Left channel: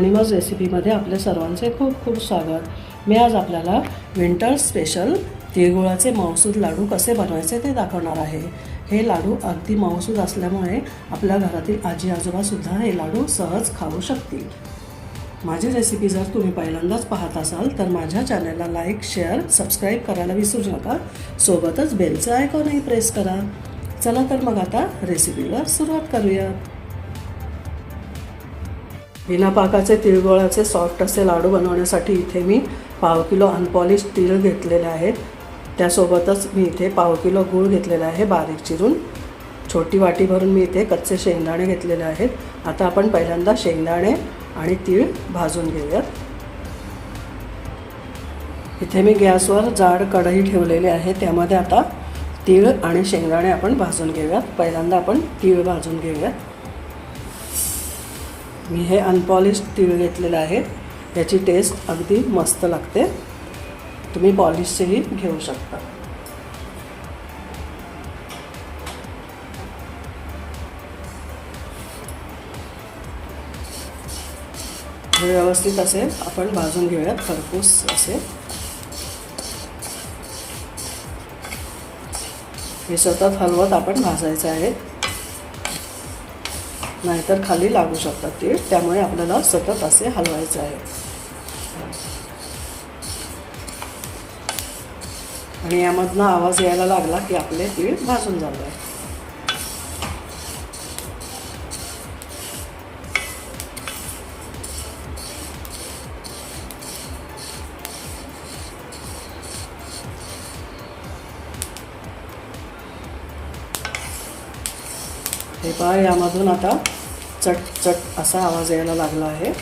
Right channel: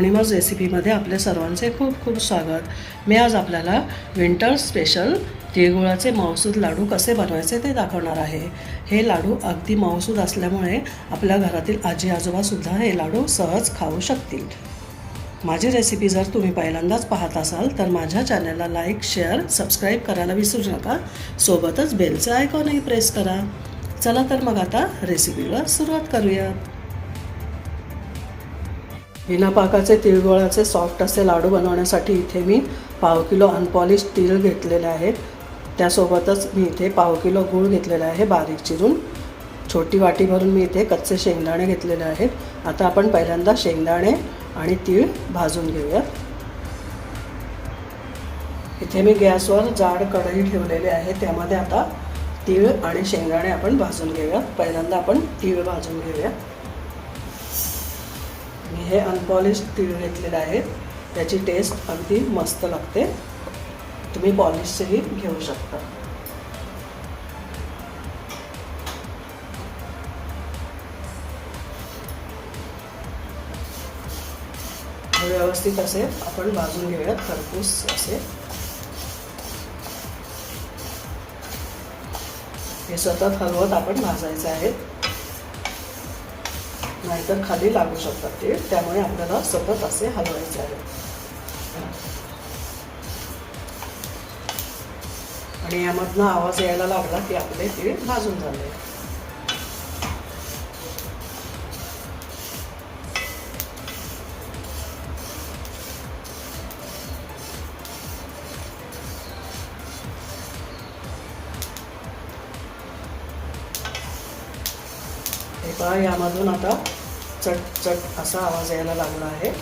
मी रेसिपीमध्ये आपल्या सर्वांचे खूप खूप स्वागत. मी आज आपल्याला विंटर स्पेशल तिळगुळाचे मौसूद लाडू कसे बनवायचे ते दाखवणार आहे. हे लाडू अगदी मौसूद असल्यामुळे आपल्या घरातील आजी आजोबासुद्धा हे लाडू सहज खाऊ शकतील. माझी रेसिपी जर तुम्ही पहिल्यांदाच पाहत असाल तर माझ्या चॅनलला लाईक शेअर सबस्क्राईब करायला विसरू नका. सोबतच बेलचं आयकॉनही प्रेस करा. चला तर मग आता रेसिपीला सुरुवात करूया बिना पाकाचे तिळगोळाचे सॉफ्ट असे लाडू बनवण्यासाठी इथे मी पाव किलो अनपॉलिश तीळ घेतलेले आहेत त्यासोबतच मी इथे पाव किलो गूळ घेतलेला आहे बारीक चिरून. छोटी वाटी भरून मी इथे कच्चे शेंगदाणे घेतलेले आहेत. आता आपण पहिल्यांदा शेंगदाणे आणि तीळ भाजून घेऊयात. इथे मी गॅसवर जाड कढई ठेवलेली आहे त्यामध्ये आता तीळ आणि शेंगदाणे आपण भाजून घेऊयात. पहिल्यांदा आपण तीळ भाजून घेऊयात. मी हे अनपॉलिश तीळ घेतलेलं आहे. त्याची टेस्ट अगदी मस्त लागते. तुम्ही पॉलिशचेही घेऊ शकता. व्यवस्थित असे आपण भाजून घेऊयात खरपूस असे. हे सतत हलवत आपण भाजायचं आहे. नाहीतर खाली लागू शकतात ती. त्यामुळे आपल्याला सतत असे हलवायचे आहे. आणि यामधनं आवाज यायला लागला की आपले तीळ भाजून झाले हे पहा यामधून आता चट चट असा आवाज यायला लागला आहे.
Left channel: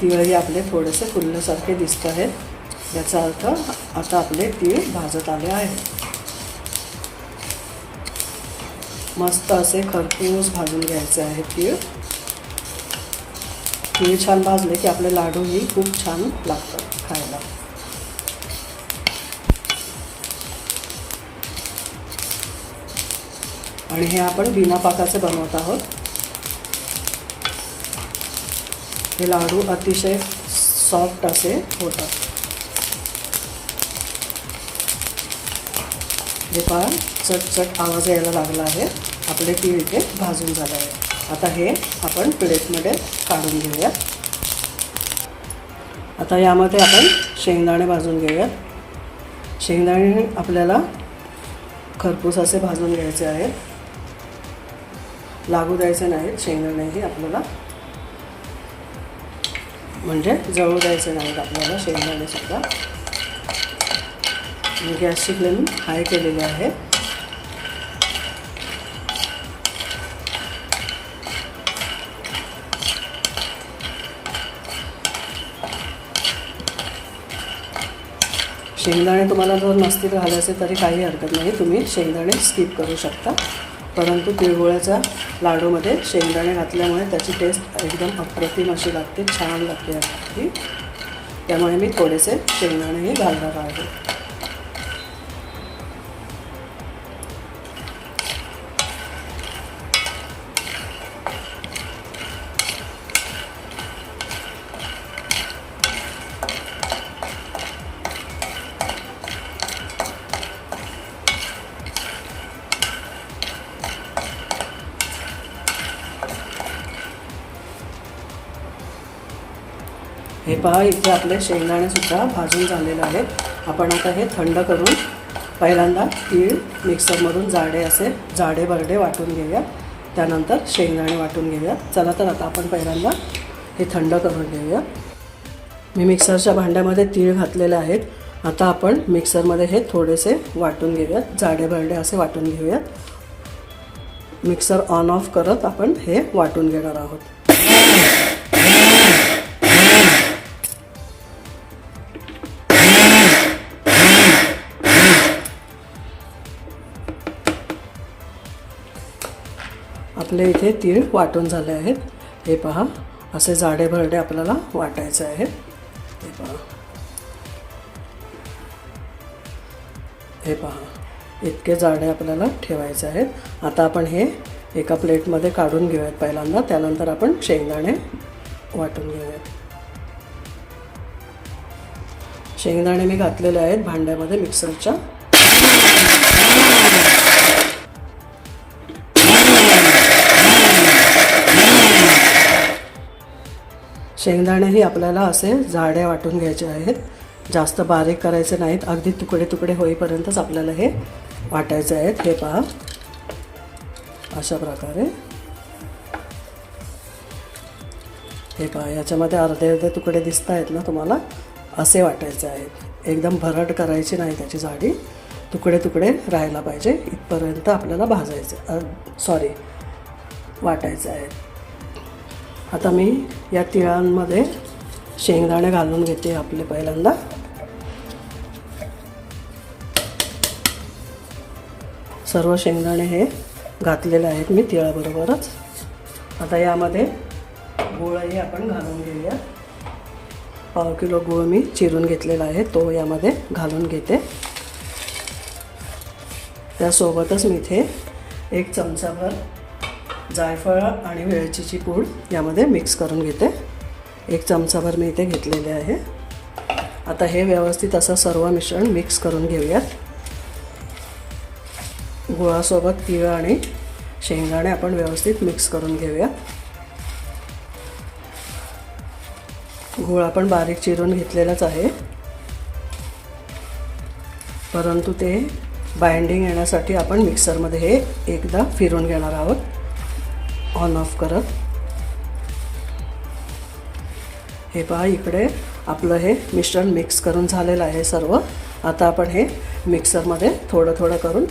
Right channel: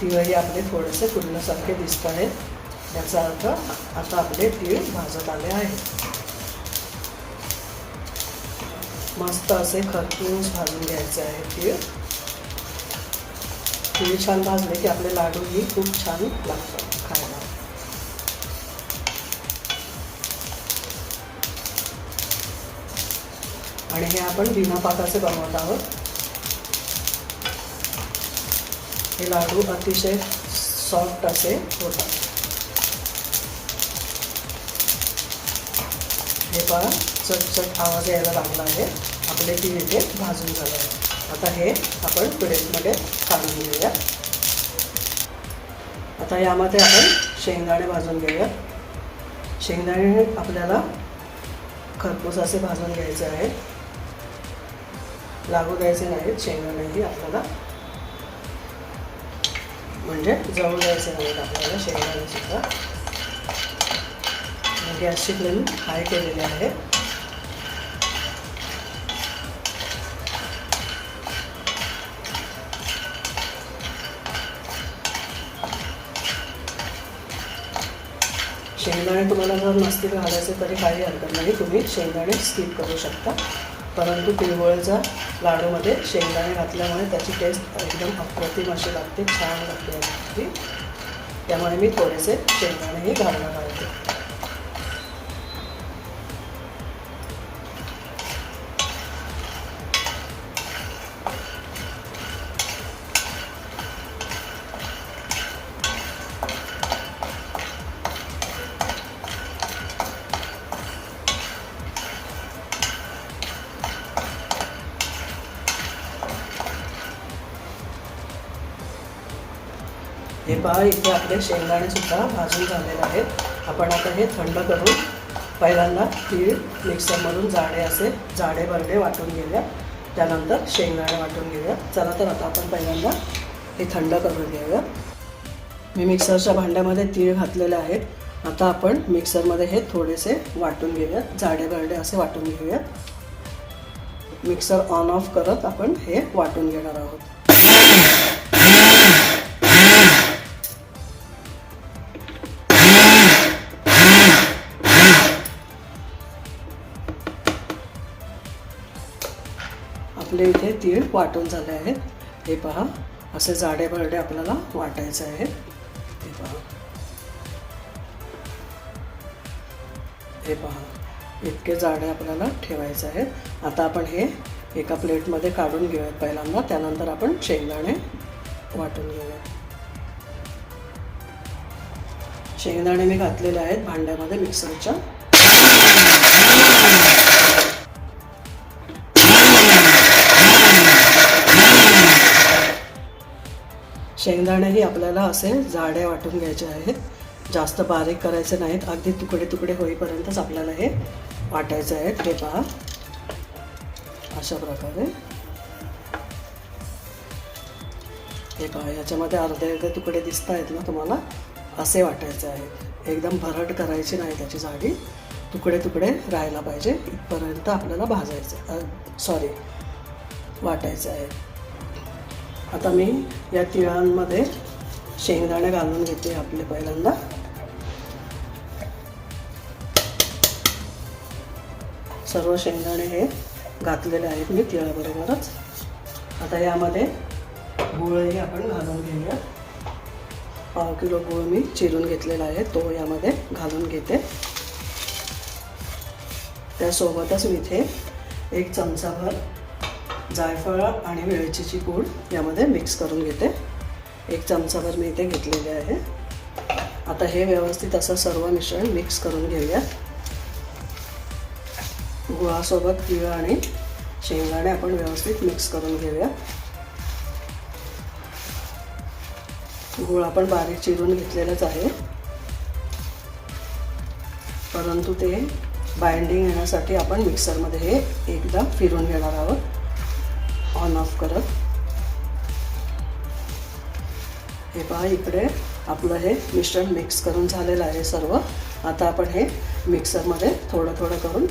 तीळही आपले थोडेसे फुलण्यासारखे दिसत आहेत. याचा अर्थ आता आपले तीळ भाजत आले आहे. मस्त असे खरपूस भाजून घ्यायचे आहे तीळ. तीळ छान भाजले की आपले लाडूही खूप छान लागतात. आणि हे आपण बिना पाकाचे बनवत आहोत. हे लाडू अतिशय सॉफ्ट असे होतात. हे पहा चटचट आवाज यायला लागला आहे. आपले तीळ इथे भाजून झालं आहे. आता हे आपण प्लेटमध्ये काढून घेऊया. आता यामध्ये आपण शेंगदाणे भाजून घेऊया. शेंगदाणे आपल्याला खरपूस असे भाजून घ्यायचे आहेत लागू द्यायचे नाहीत शेंगदाण्याही आपल्याला. म्हणजे जळू द्यायचे नाहीत आपल्याला शेंगदाणे गॅसची फ्लेम हाय केलेली आहे. शेंगदाणे तुम्हाला जर मस्ती घालायचे तरी काही हरकत नाही तुम्ही शेंगदाणे स्किप करू शकता. परंतु तिळगुळ्याच्या लाडूमध्ये शेंगदाणे घातल्यामुळे त्याची टेस्ट एकदम अप्रतिम अशी लागते छान लागते त्यामुळे मी थोडेसे शेंगदाणेही घालणार आहे. हे पहा इथे आपले शेंगदाणेसुद्धा भाजून झालेले आहेत. आपण आता हे थंड करून पहिल्यांदा तीळ मिक्सरमधून जाडे असे जाडे बर्डे वाटून घेऊया. त्यानंतर शेंगदाणे वाटून घेऊया. चला तर आता आपण पहिल्यांदा हे थंड करून घेऊया. मी मिक्सरच्या भांड्यामध्ये तीळ घातलेले आहेत. आता आपण मिक्सरमध्ये हे थोडेसे वाटून घेऊया. जाडे बर्डे असे वाटून घेऊया. मिक्सर ऑन ऑफ करत आपण हे वाटून घेणार आहोत. आपले इथे तीळ वाटून झाले आहेत. हे पहा असे जाडे भरडे आपल्याला वाटायचे आहेत. हे पहा. हे पहा इतके जाडे आपल्याला ठेवायचे आहेत. आता आपण हे एका प्लेटमध्ये काढून घेऊयात पहिल्यांदा. त्यानंतर आपण शेंगदाणे वाटून घेऊयात. शेंगदाणे मी घातलेले आहेत भांड्यामध्ये मिक्सरच्या. शेंगदाणेही आपल्याला असे जाडे वाटून घ्यायचे आहेत. जास्त बारीक करायचे नाहीत. अगदी तुकडे तुकडे होईपर्यंतच आपल्याला हे वाटायचे आहेत. हे पहा. अशा प्रकारे. हे पहा याच्यामध्ये अर्धे अर्धे तुकडे दिसत आहेत ना तुम्हाला? असे वाटायचे आहेत. एकदम भरट करायची नाही त्याची जाडी. तुकडे तुकडे राहायला पाहिजे. इथपर्यंत आपल्याला भाजायचे सॉरी वाटायचे आहेत. आता मी या तिळांमध्ये शेंगदाणे घालून घेते आपले पहिल्यांदा. सर्व शेंगदाणे हे घातलेले आहेत मी तिळाबरोबरच. आता यामध्ये गुळही आपण घालून घेऊया. पाव किलो गुळ मी चिरून घेतलेला आहे तो यामध्ये घालून घेते. त्यासोबतच मी इथे एक चमचाभर जायफळ आणि वेलचीची पूड यामध्ये मिक्स करून घेते. एक चमचाभर मी इथे घेतलेले आहे. आता हे व्यवस्थित असं सर्व मिश्रण मिक्स करून घेऊयात. गुळासोबत तिळ आणि शेंगदाणे आपण व्यवस्थित मिक्स करून घेऊया गुळ आपण बारीक चिरून घेतलेलाच आहे. परंतु ते बाइंडिंग येण्यासाठी आपण मिक्सरमध्ये हे एकदा फिरून घेणार आहोत. ऑन ऑफ करत. हे पहा इकडे आपलं हे मिश्रण मिक्स करून झालेलं आहे सर्व. आता आपण हे मिक्सरमध्ये थोडं थोडं करून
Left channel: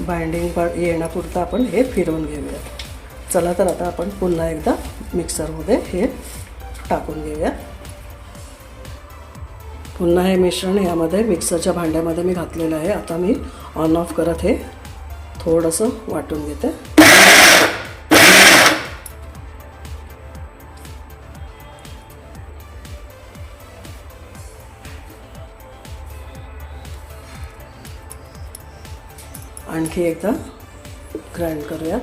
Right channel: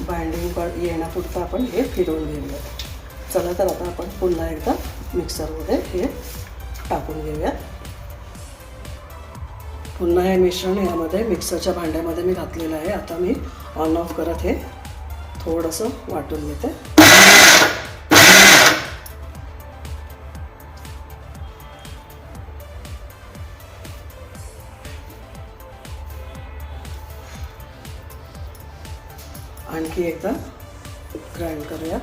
बाइंडिंग पण येण्यापुरतं आपण हे फिरवून घेऊया. चला तर आता आपण पुन्हा एकदा मिक्सरमध्ये हे टाकून घेऊया. पुन्हा हे मिश्रण यामध्ये मिक्सरच्या भांड्यामध्ये मी घातलेलं आहे. आता मी ऑन ऑफ करत हे थोडंसं वाटून घेते. आणखी एकदा ग्राइंड करूया.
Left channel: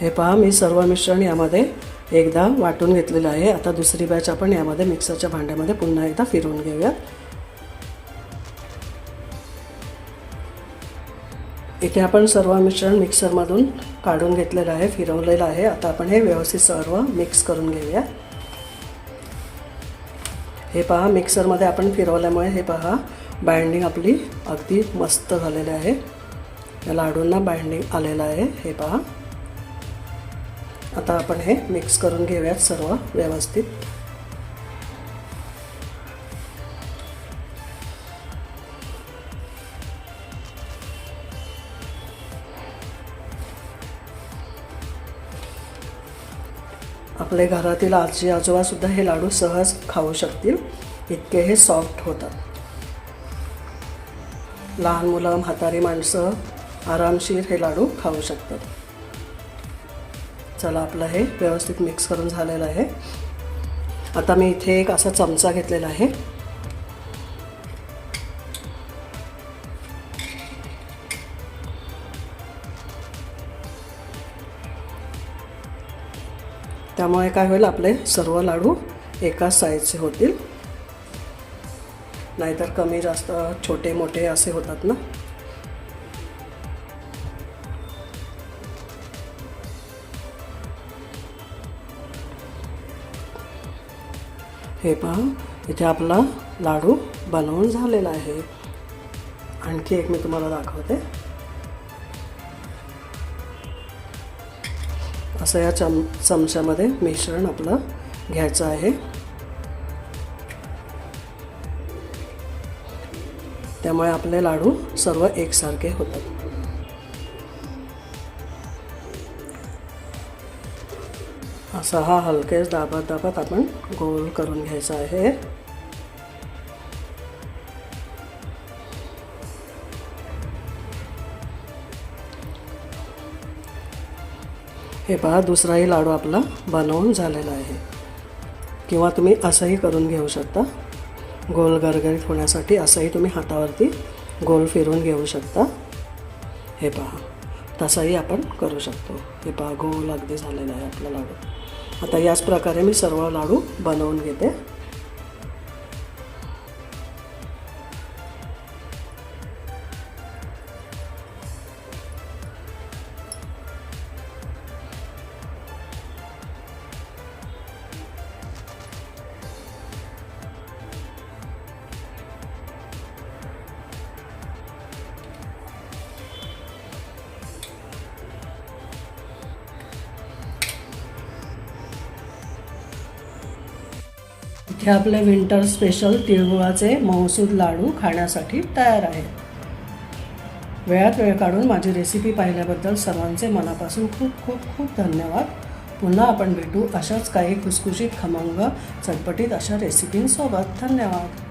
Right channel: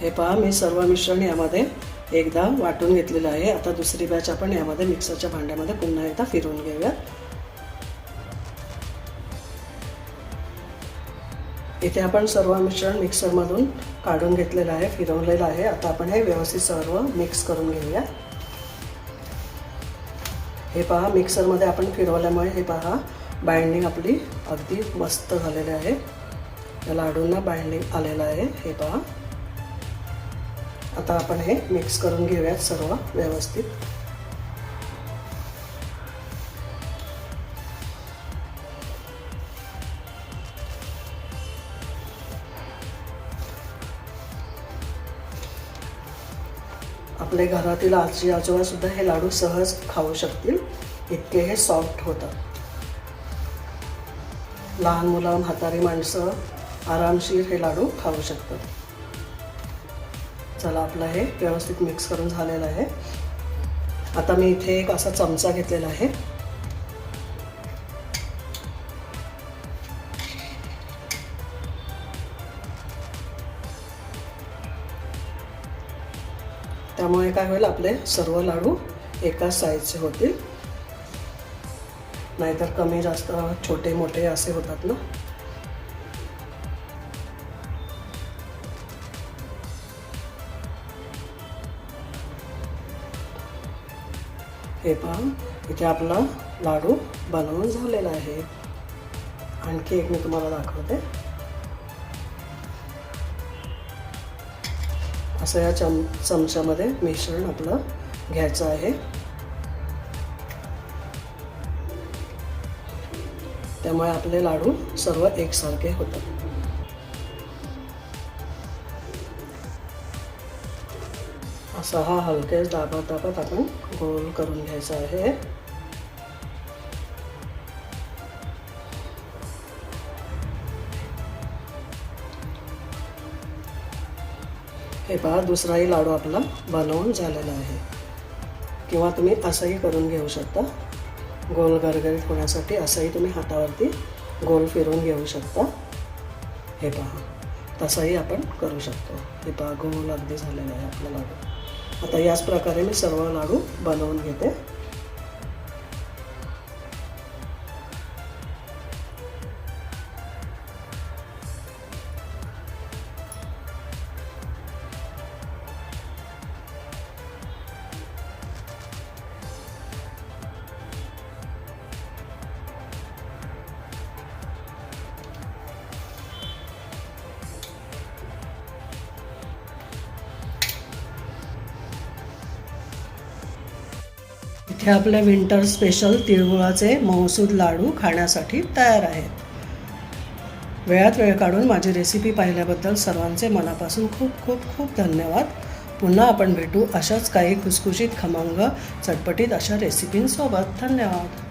हे पहा मी सर्व मिश्रण यामध्ये एकदा वाटून घेतलेलं आहे. आता दुसरी बॅच आपण यामध्ये मिक्सरच्या भांड्यामध्ये पुन्हा एकदा फिरवून घेऊया. इथे आपण सर्व मिश्रण मिक्सरमधून काढून घेतलेलं आहे फिरवलेलं आहे. आता आपण हे व्यवस्थित सर्व मिक्स करून घेऊया. हे पहा मिक्सरमध्ये आपण फिरवल्यामुळे हे पहा बाइंडिंग आपली अगदी मस्त झालेली आहे. या लाडूंना बाइंडिंग आलेलं आहे. हे पहा. आता आपण हे मिक्स करून घेऊयात सर्व व्यवस्थित. आपले घरातील आजी आजोबा सुद्धा हे लाडू सहज खाऊ शकतील. इतके हे सॉफ्ट होतात. लहान मुलं म्हातारी माणसं आरामशीर हे लाडू खाऊ शकतात. चला आपलं हे व्यवस्थित मिक्स करून झालेलं आहे. आता मी इथे एक असा चमचा घेतलेला आहे. त्यामुळे काय होईल आपले सर्व लाडू एकाच साईजचे होतील. नाहीतर कमी जास्त छोटे मोठे असे होतात ना. हे पण इथे आपला लाडू बनवून झालेला आहे. आणखी एक मी तुम्हाला दाखवते. असं या चम चमच्यामध्ये मिश्रण आपलं घ्यायचं आहे. त्यामुळे आपले लाडू सर्व एकसारखे होतात. असा हा हलकेच दाबत दाबत आपण गोल करून घ्यायचा आहे. हे पहा दुसराही लाडू आपला बनवून झालेला आहे. किंवा तुम्ही असंही करून घेऊ शकता. गोल गरगरीत होण्यासाठी असंही तुम्ही हातावरती गोल फिरून घेऊ शकता. हे पहा तसंही आपण करू शकतो. हे पहा गोल अगदी झालेला आहे आपला लाडू. आता याच प्रकारे मी सर्व लाडू बनवून घेते. इथे आपले विंटर स्पेशल तिळगुळाचे मौसूद लाडू खाण्यासाठी तयार आहेत. वेळात वेळ काढून माझी रेसिपी पाहिल्याबद्दल सर्वांचे मनापासून खूप खूप खूप धन्यवाद. पुन्हा आपण भेटू अशाच काही खुसखुशीत खमंग चटपटीत अशा रेसिपींसोबत धन्यवाद.